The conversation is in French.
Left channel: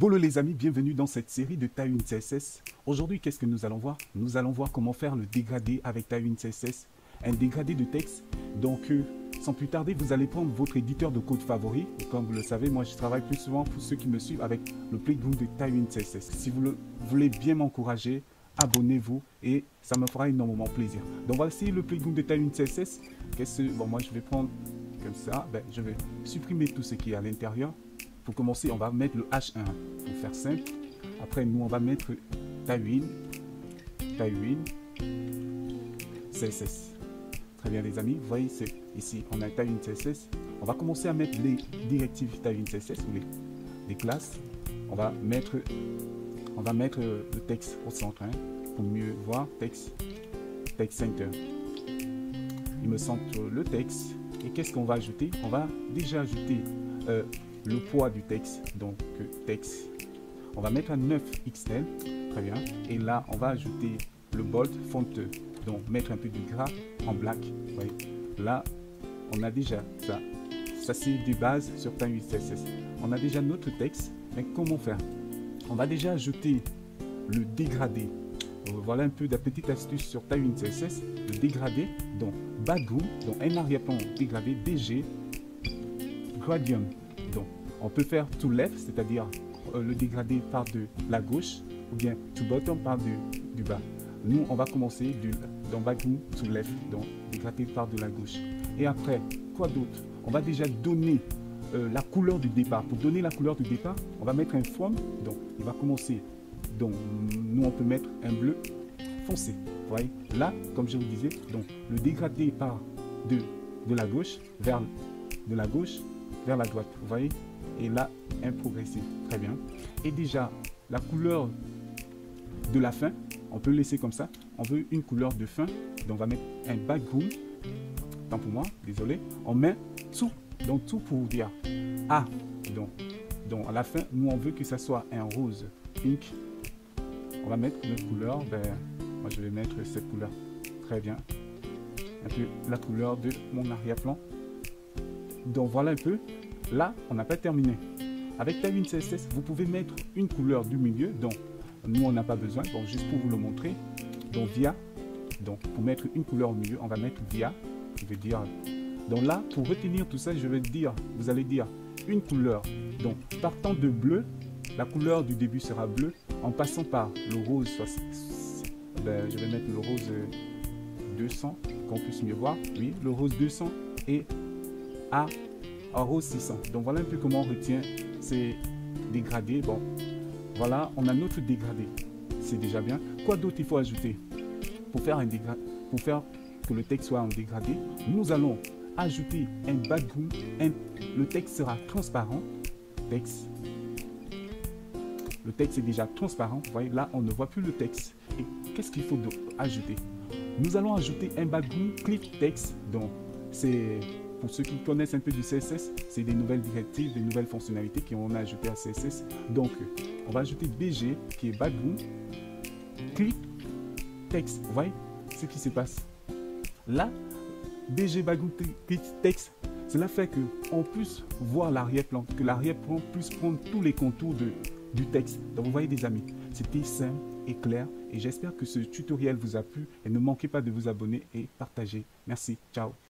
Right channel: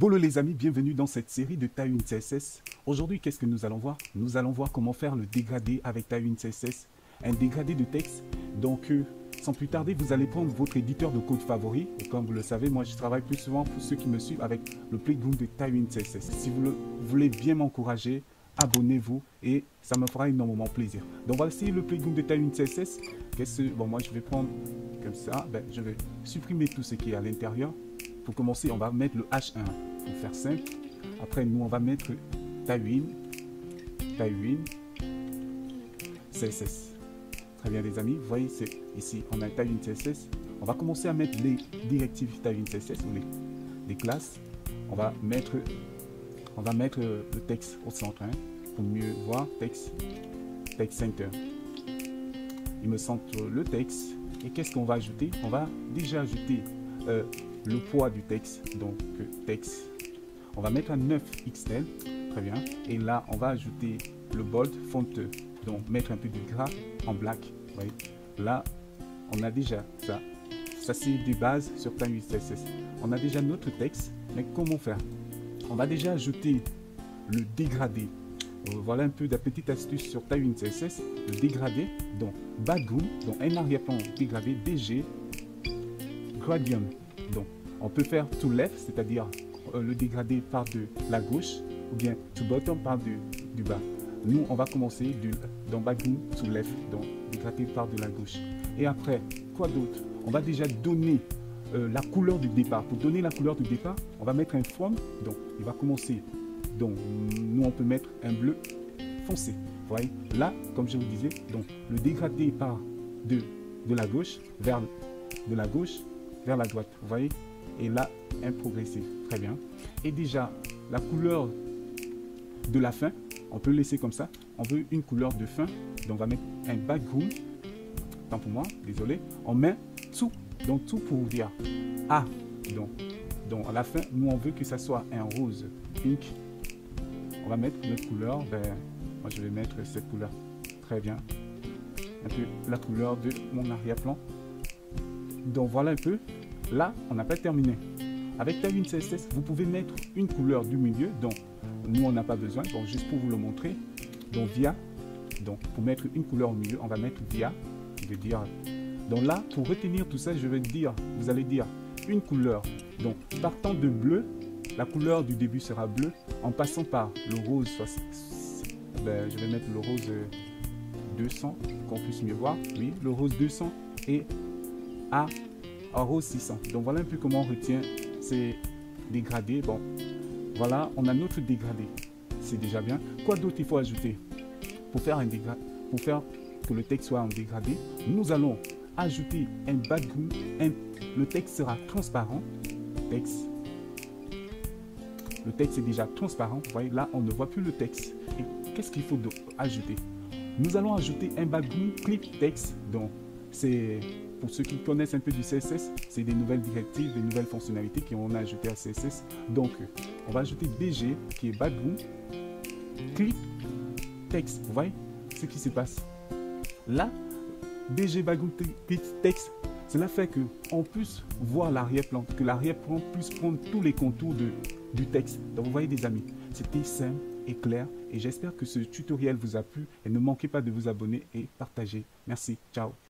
Bonjour les amis, bienvenue dans cette série de Tailwind CSS. Aujourd'hui, qu'est-ce que nous allons voir? Nous allons voir comment faire le dégradé avec Tailwind CSS, un dégradé de texte. Donc, sans plus tarder, vous allez prendre votre éditeur de code favori. Et comme vous le savez, moi je travaille plus souvent pour ceux qui me suivent avec le plugin de Tailwind CSS. Si vous voulez bien m'encourager, abonnez-vous et ça me fera énormément plaisir. Donc, voici le plugin de Tailwind CSS. Bon, moi je vais prendre comme ça. Je vais supprimer tout ce qui est à l'intérieur. Pour commencer, on va mettre le H1 pour faire simple. Après, nous, on va mettre Tailwind CSS. Très bien, les amis. Vous voyez, ici, on a Tailwind CSS. On va commencer à mettre les directives Tailwind CSS, les classes. On va mettre le texte au centre. Pour mieux voir, text center. Il me semble le texte. Et qu'est-ce qu'on va ajouter? On va déjà ajouter le poids du texte, donc texte, on va mettre un 9 extrême, très bien, et là on va ajouter le bold font, donc mettre un peu de gras en black, ouais. Là on a déjà ça c'est de base sur Tailwind CSS, on a déjà notre texte, mais comment faire? On va déjà ajouter le dégradé, donc voilà un peu de la petite astuce sur Tailwind CSS, le dégradé, donc background, donc un arrière-plan dégradé, DG, gradient. Donc, on peut faire to left, c'est-à-dire le dégradé part de la gauche, ou bien to bottom part du bas. Nous, on va commencer donc background to left, donc dégradé part de la gauche. Et après, quoi d'autre? On va déjà donner la couleur du départ. Pour donner la couleur du départ, on va mettre un fond. Donc, il va commencer. Donc, nous, on peut mettre un bleu foncé. Vous voyez? Là, comme je vous disais, donc le dégradé part de la gauche vers la droite, vous voyez, et là un progressif, très bien. Et déjà la couleur de la fin, on peut laisser comme ça. On veut une couleur de fin, donc on va mettre un background. Tant pour moi, désolé, on met tout pour dire ah, donc à la fin, nous on veut que ça soit un rose pink. On va mettre une couleur, moi je vais mettre cette couleur, très bien. Et puis la couleur de mon arrière-plan. Donc voilà un peu. Là, on n'a pas terminé. Avec Tailwind CSS, vous pouvez mettre une couleur du milieu. Donc, nous, on n'a pas besoin. Donc, juste pour vous le montrer. Donc, via. Donc, pour mettre une couleur au milieu, on va mettre via. Je vais dire. Donc là, pour retenir tout ça, je vais dire. Vous allez dire une couleur. Donc, partant de bleu, la couleur du début sera bleu. En passant par le rose. Je vais mettre le rose 200. Qu'on puisse mieux voir. Oui, le rose 200 et un rose 600. Donc voilà un peu comment on retient ces dégradés. Bon, voilà, on a notre dégradé. C'est déjà bien. Quoi d'autre il faut ajouter pour faire un dégradé, pour le texte soit un dégradé? Nous allons ajouter un background. Le texte sera transparent. Le texte est déjà transparent. Vous voyez là, on ne voit plus le texte. Qu'est-ce qu'il faut donc ajouter? Nous allons ajouter un background click text. Donc c'est pour ceux qui connaissent un peu du CSS, c'est des nouvelles directives, des nouvelles fonctionnalités qu'on a ajoutées à CSS. Donc, on va ajouter BG qui est background click text. Vous voyez ce qui se passe? Là, BG background click text, cela fait qu'on puisse voir l'arrière-plan, que l'arrière-plan puisse prendre tous les contours du texte. Donc, vous voyez, les amis, c'était simple et clair. Et j'espère que ce tutoriel vous a plu. Et ne manquez pas de vous abonner et partager. Merci. Ciao.